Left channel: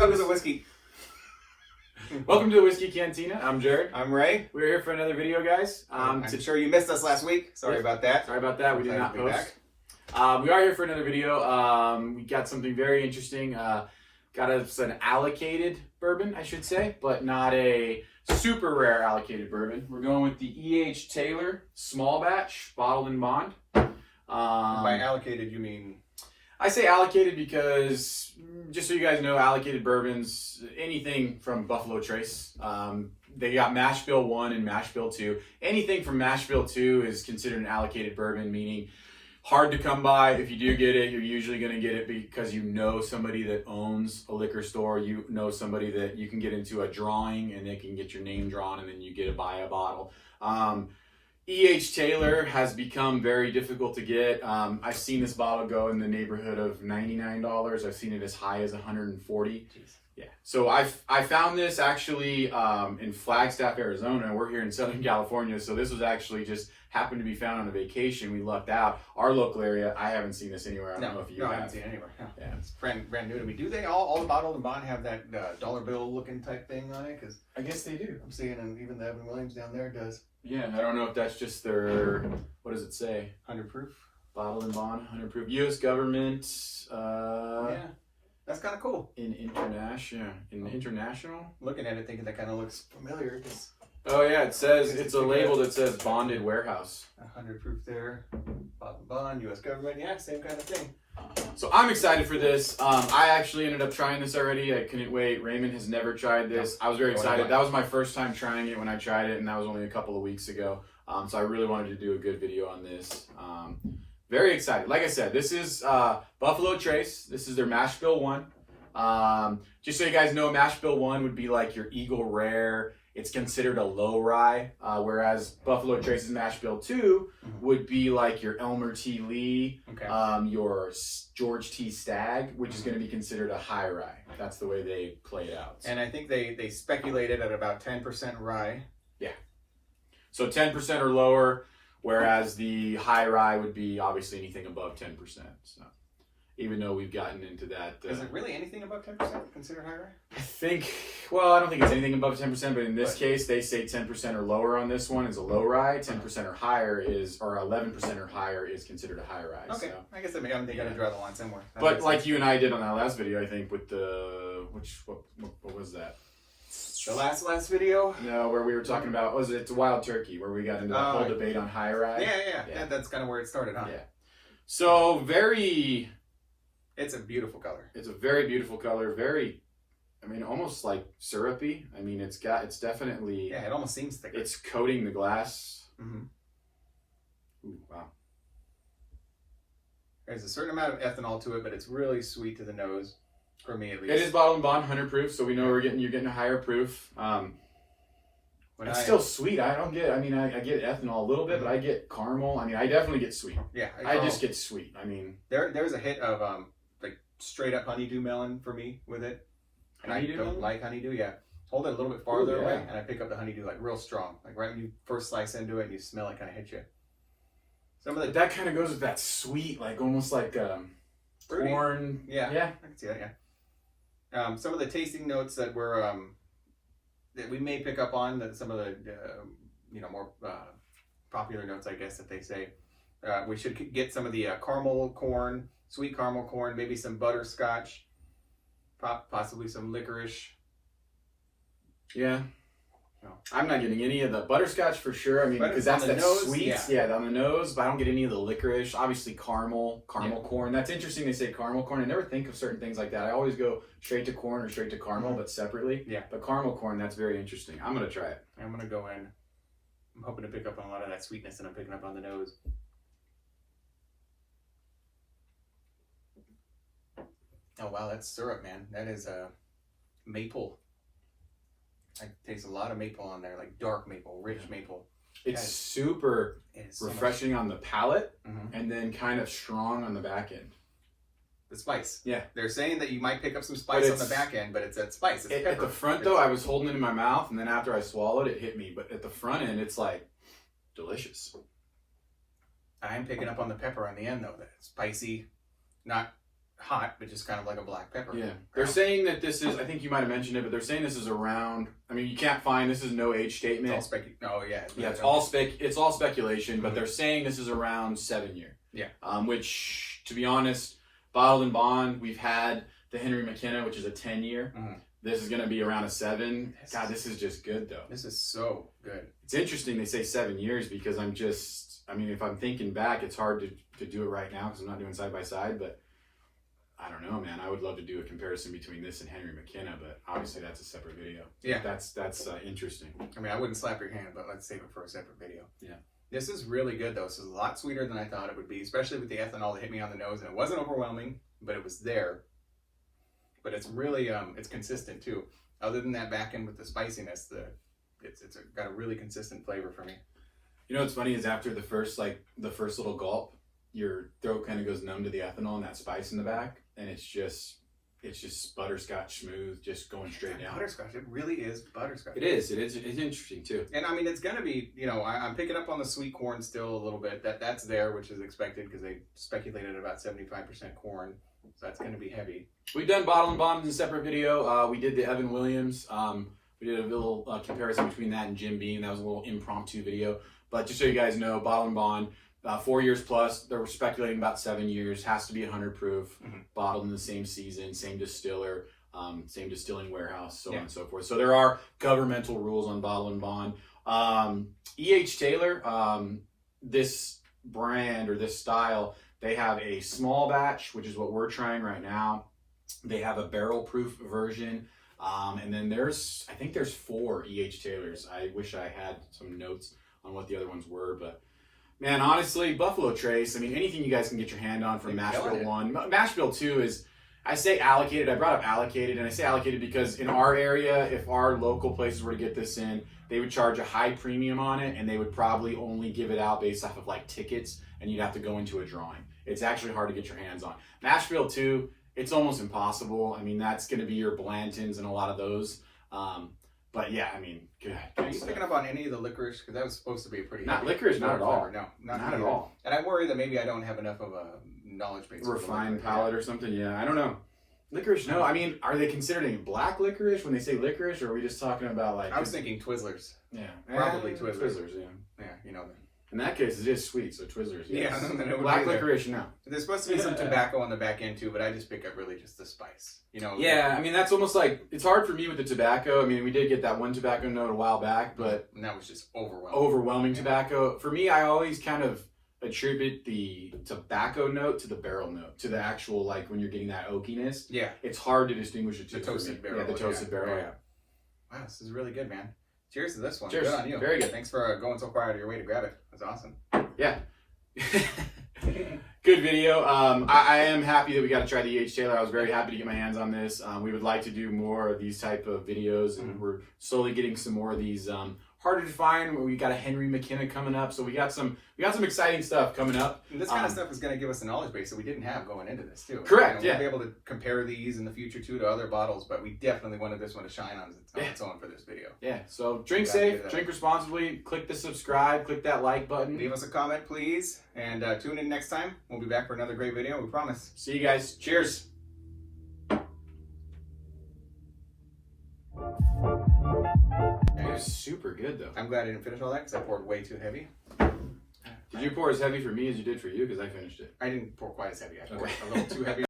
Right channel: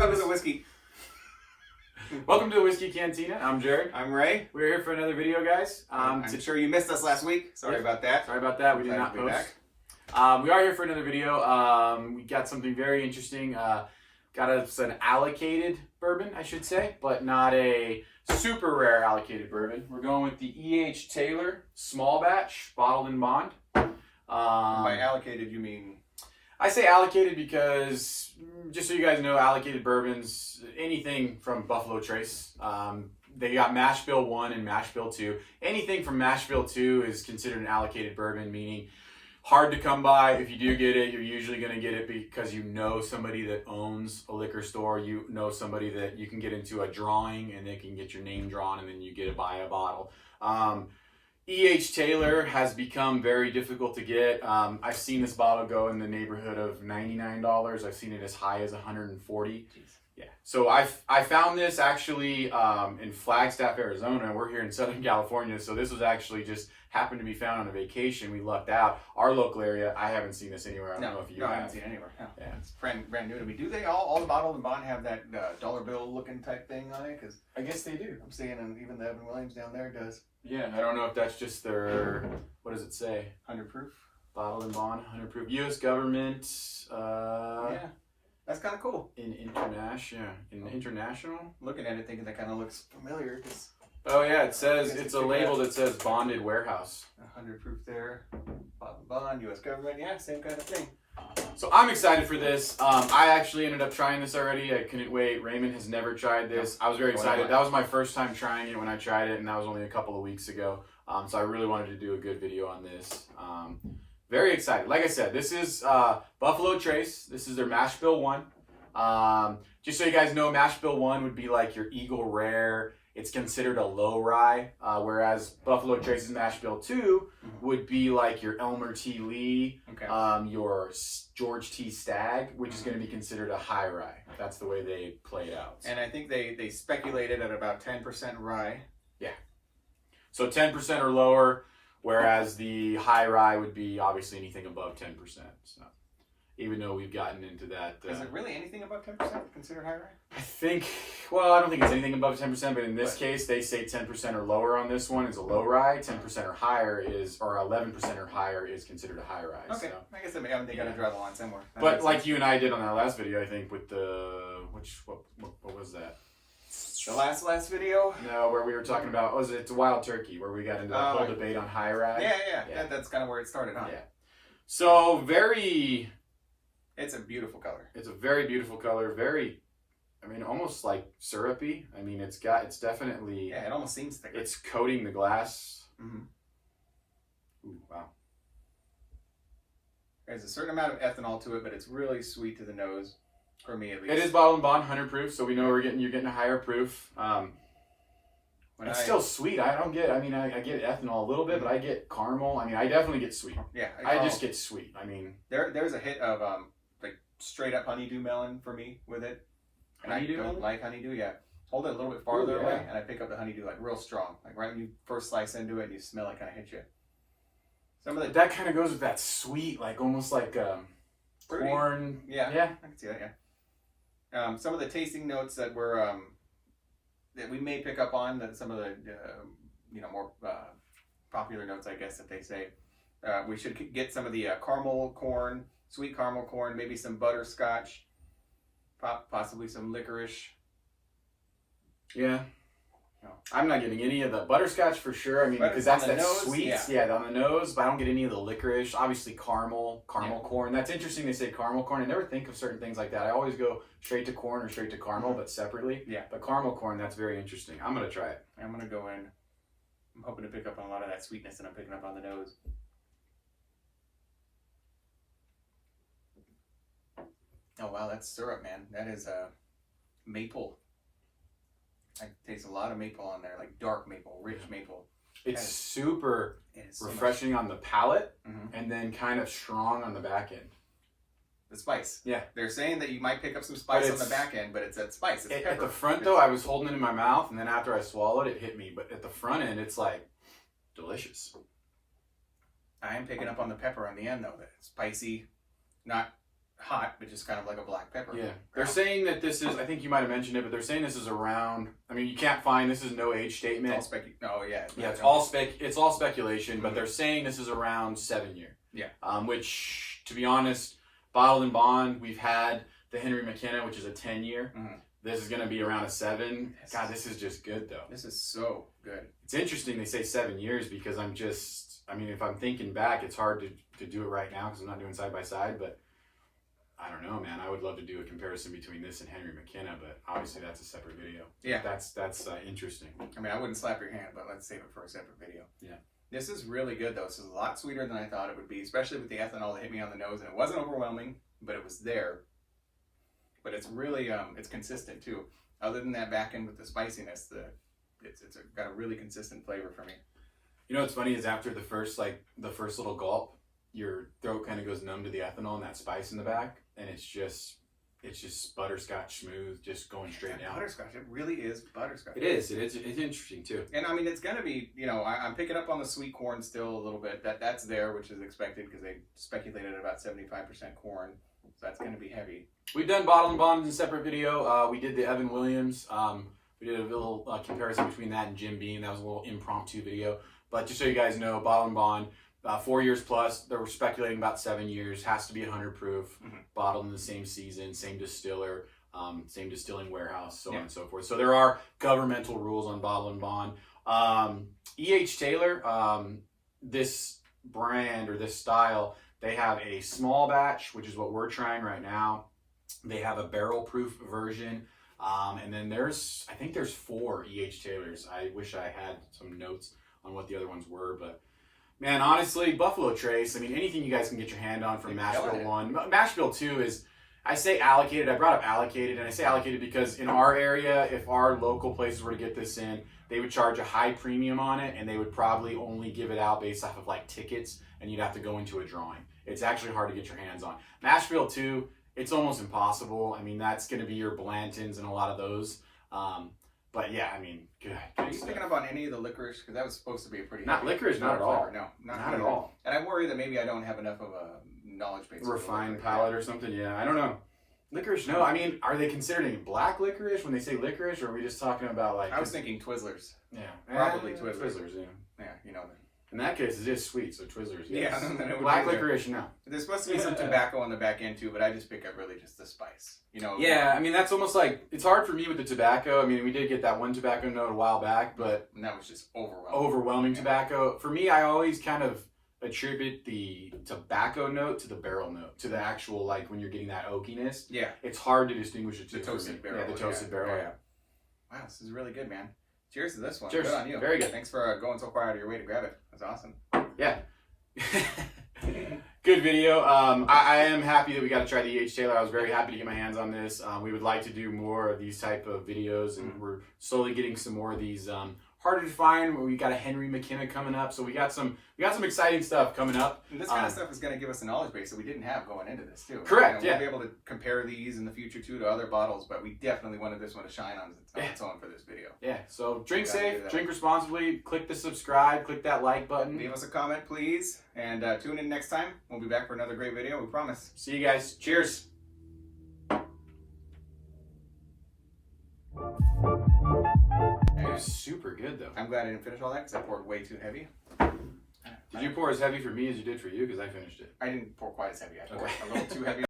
Welcome to the whiskey. Welcome to the Whiskey Cantina. I'm Jared. I'm Ray. We're here for another video, guys. I'm sure you missed us last week. Sorry about that. Sorry about that. We did not post. We are here for another video. We got something very interesting. Got us an allocated bourbon, I should say, but not a super rare allocated bourbon. We're going with the E.H. Taylor small batch, bottled in bond. By allocated, you mean? I say allocated because, just so you guys know, allocated bourbons, anything from Buffalo Trace. They got Mash Bill 1 and Mash Bill 2. Anything from Mash Bill 2 is considered an allocated bourbon, meaning hard to come by. If you do get it, you're usually going to get it because you know somebody that owns a liquor store. You know somebody that you can get into a drawing and they can get your name drawn and then you get to buy a bottle. E.H. Taylor has become very difficult to get. I've seen this bottle go in the neighborhood of $99. I've seen it as high as $140. Jeez. Yeah. So I found this actually in Flagstaff, Arizona. We're here in Southern California, so this was actually just happened to be found on a vacation. We lucked out. Our local area, I haven't seen this anywhere. I don't know if you have. I haven't seen it anywhere. No. Yeah. It's brand new to me. Do they all the bottled and bond have that dollar bill looking type thing on it? Because I guess they do. I'm seeing, and even the Evan Williams down there does. Yeah, I don't know if that's just their, what does it say? 100 proof. Bottled and bond, 100 proof. U.S. government. Yeah, that's kind of cool. International. Looking at it, thinking that kind of looks familiar. Oh yeah, it says, it's a label that says bonded warehouse. 100 proof there. Bottled bond, U.S. government. Yeah, same kind of thing. So I'm excited for this. I actually ended up trying this already. I couldn't wait. Raymond has never tried this. I was very excited. That was my first time trying it when I tried it, and that was only a couple of weeks ago. So I really wanted to do a good video on this. Very excited. Like I said, this is Buffalo Trace. This is their Mash Bill 1. Just so you guys know, Mash Bill 1 would be like your Eagle Rare. It's considered a low rye, whereas Buffalo Trace's Mash Bill 2 would be like your Elmer T. Lee, your George T. Stagg, which is going to be considered a high rye. That's the way they play it out. And I think they speculated at about 10% rye. Yeah. So 10% or lower, whereas the high rye would be obviously anything above 10%. So even though we've gotten into that. Is it really anything above 10% considered high rye? I think, well, I don't think it's anything above 10%, but in this case, they say 10% or lower on this one is a low rye. 10% or higher is, or 11% or higher is considered a high rye. Okay, so, I guess they got to draw the line somewhere. But like you and I did on that last video, I think with the, what was that? The last video? No, where we were talking about, it's Wild Turkey, where we got into the whole debate on high rye. Yeah. That's kind of where it started, huh? Yeah. So it's a beautiful color. It's a very beautiful color. Very, I mean, almost like syrupy. I mean, it's definitely. Yeah, it almost seems thicker. It's coating the glass. Mm-hmm. Ooh, wow. There's a certain amount of ethanol to it, but it's really sweet to the nose, for me at least. It is bottled and bond 100 proof, so we know you're getting a higher proof. It's still sweet. I get ethanol a little bit, but I get caramel. I mean, I definitely get sweet. Yeah, I just get sweet. I mean, there's a hit of like straight up honeydew melon for me with it, and I don't like honeydew. Yeah, hold it a little bit farther away, and I pick up the honeydew like real strong. Like right when you first slice into it, and you smell it kind of hit you. That kind of goes with that sweet, like almost like corn. Yeah, I can see that. Yeah. Some of the tasting notes that were that we may pick up on, that some of the more popular notes, I guess, that they say we should get some of the caramel corn, sweet caramel corn, maybe some butterscotch, possibly some licorice. Yeah. No. I'm not getting any of the butterscotch for sure. I mean, because that's that sweet, on the nose. But I don't get any of the licorice. Obviously, caramel corn. That's interesting. They say caramel corn. I never think of certain things like that. I always go straight to corn or straight to caramel, but separately. Yeah. But caramel corn, that's very interesting. I'm gonna try it. I'm gonna go in. I'm hoping to pick up on a lot of that sweetness that I'm picking up on the nose. Oh wow, that's syrup, man. That is maple. I taste a lot of maple on there, like dark maple, rich maple. It's super refreshing on the palate, and then kind of strong on the back end. The spice. Yeah. They're saying that you might pick up some spice on the back end, but it's that spice. It's at the front, though, I was holding it in my mouth, and then after I swallowed it, hit me. But at the front end, it's like delicious. I am picking up on the pepper on the end, though. That spicy, not hot, but just kind of like a black pepper. Yeah. They're saying that this is, I think you might have mentioned it, but they're saying this is around, I mean, you can't find, this is no age statement. It's all no, yeah. Yeah, it's all speculation, but they're saying this is around 7 year. Yeah. Which, to be honest, bottled and bond, we've had the Henry McKenna, which is a 10 year. This is going to be around a 7. God, this is just good, though. This is so good. It's interesting they say 7 years because I mean, if I'm thinking back, it's hard to do it right now because I'm not doing side by side, but I don't know, man. I would love to do a comparison between this and Henry McKenna, but obviously that's a separate video. Yeah. That's interesting. I mean, I wouldn't slap your hand, but let's save it for a separate video. Yeah. This is really good, though. This is a lot sweeter than I thought it would be, especially with the ethanol that hit me on the nose, and it wasn't overwhelming, but it was there. But it's really, it's consistent, too. Other than that back end with the spiciness, it's got a really consistent flavor for me. You know what's funny is after the first little gulp, your throat kind of goes numb to the ethanol and that spice in the back, and it's just butterscotch smooth, just going straight down. Butterscotch, it really is butterscotch. It is. It's interesting too. And I mean, it's gonna be, you know, I'm picking up on the sweet corn still a little bit. That's there, which is expected because they speculated about 75% corn, so that's gonna be heavy. We've done bottle and bond in a separate video. We did the Evan Williams. We did a little comparison between that and Jim Beam. That was a little impromptu video. But just so you guys know, bottle and bond, 4 years plus. They were speculating about 7 years. Has to be 100 proof. Bottled in the same season, same distiller, same distilling warehouse, so on and so forth. So there are governmental rules on bottle and bond. E.H. Taylor, this brand or this style, they have a small batch, which is what we're trying right now. They have a barrel proof version. And then I think there's 4 E.H. Taylors. I wish I had some notes on what the other ones were, but man, honestly, Buffalo Trace, I mean, anything you guys can get your hand on from Mash Bill 1. Mash Bill 2 is, I say allocated, I brought up allocated, and I say allocated because in our area, if our local places were to get this in, they would charge a high premium on it, and they would probably only give it out based off of like tickets, and you'd have to go into a drawing. It's actually hard to get your hands on. Mash Bill 2, it's almost impossible. I mean, that's going to be your Blantons and a lot of those. But yeah, I mean, good. Are you picking up on any of the licorice? Because that was supposed to be a pretty not licorice, not at all. No, not at all. And I worry that maybe I don't have enough of a knowledge base. Refined palate or something. Yeah, I don't know. Licorice, no. I mean, are they considering black licorice when they say licorice, or are we just talking about like? I was thinking Twizzlers. Yeah, probably Twizzlers. Twizzlers, yeah. Yeah, you know. In that case, it is sweet, so Twizzlers. Yes. Yeah, black licorice, no. There's supposed to be some tobacco on the back end too, but I just pick up really just the spice. You know. Yeah, I mean that's almost like it's hard for me with the tobacco. I mean, we did get that one tobacco note a while back, but and that was just overwhelming tobacco. For me, I always kind of attribute the tobacco note to the barrel note, to the actual like when you're getting that oakiness. Yeah, it's hard to distinguish the two. The toasted barrel. Yeah, the toasted barrel. Yeah. Wow, this is really good, man. Cheers to this one. Cheers. Good on you. Very good. Thanks for going so far out of your way to grab it. That's awesome. Yeah. Good video. I am happy that we got to try the E.H. Taylor. I was very happy to get my hands on this. We would like to do more of these type of videos, and we're slowly getting some more of these harder to find. We got a Henry McKenna coming up, so we got some exciting stuff coming up. And this kind of stuff is going to give us a knowledge base that we didn't have going into this too. Correct. We'll be able to compare these in the future too to other bottles, but we definitely wanted this one to shine on its own for this video. Yeah. So drink safe, drink responsibly. Click the subscribe, click that like button. Leave us a comment, please, and tune in next time. We'll be back for another great video. We promise. See you guys. Cheers. It was super good though. I'm glad I didn't finish all that because I poured way too heavy. Did you pour as heavy for me as you did for you? Because I finished it. I didn't pour quite as heavy. I poured a little too heavy.